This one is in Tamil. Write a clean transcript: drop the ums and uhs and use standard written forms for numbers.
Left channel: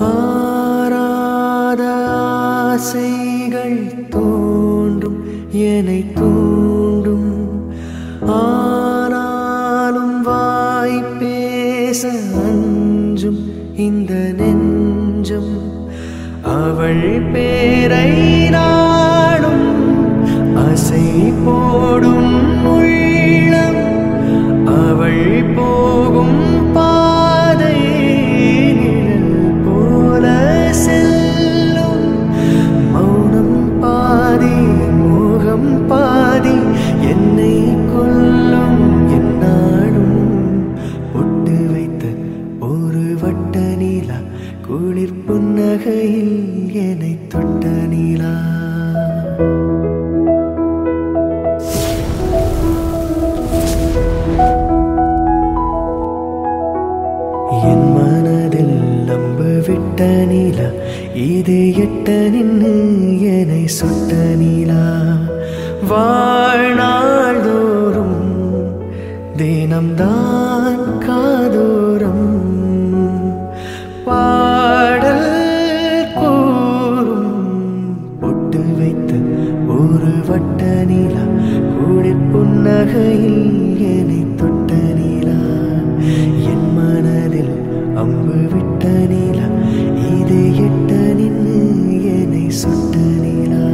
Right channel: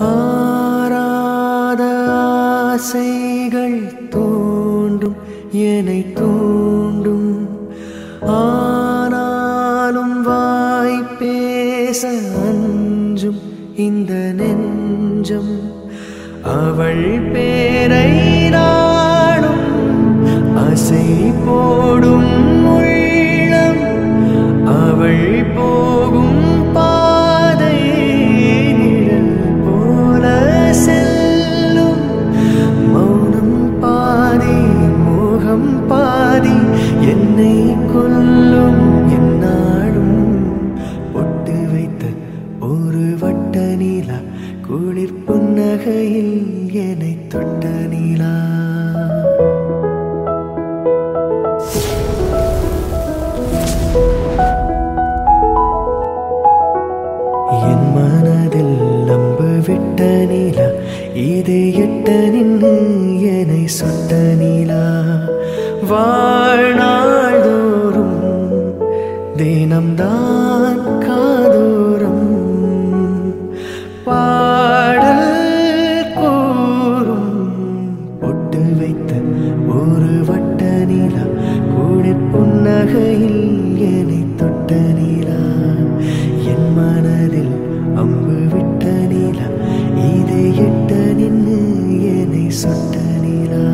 ஆராத ஆசைகள் தோன்றும் என்னை தூண்டும் ஆனாலும் வாய் பேச அஞ்சும் இந்த நெஞ்சம் அவள் பேரை நாடும் அசை போடும் உள்ளம் அவள் போகும் பாதை நிழல் போல செல்லும் மௌனம் பாதி மோகம் பாதி என்னை கொல்லும் என்னாலும் பொட்டு வைத்த ஒரு வட்ட நீலா குளிர் புன்னகையில் என்னை தொட்ட நீலா என் மனதில் அம்பு விட்ட நீலா இது எட்ட நின்று என்னை சுட்ட நீலா வாழ்நாள்தோறும் தினம்தான் காதோறும் பாடல் கூறும் பொட்டு வைத்த ஒரு வட்ட நீலா குளிர் புன்னகையில் என்னை தொட்ட நீலா என் மனதில் அம்பு விட்ட நீலா இது எட்ட நின்று என்னை சுட்ட நீலா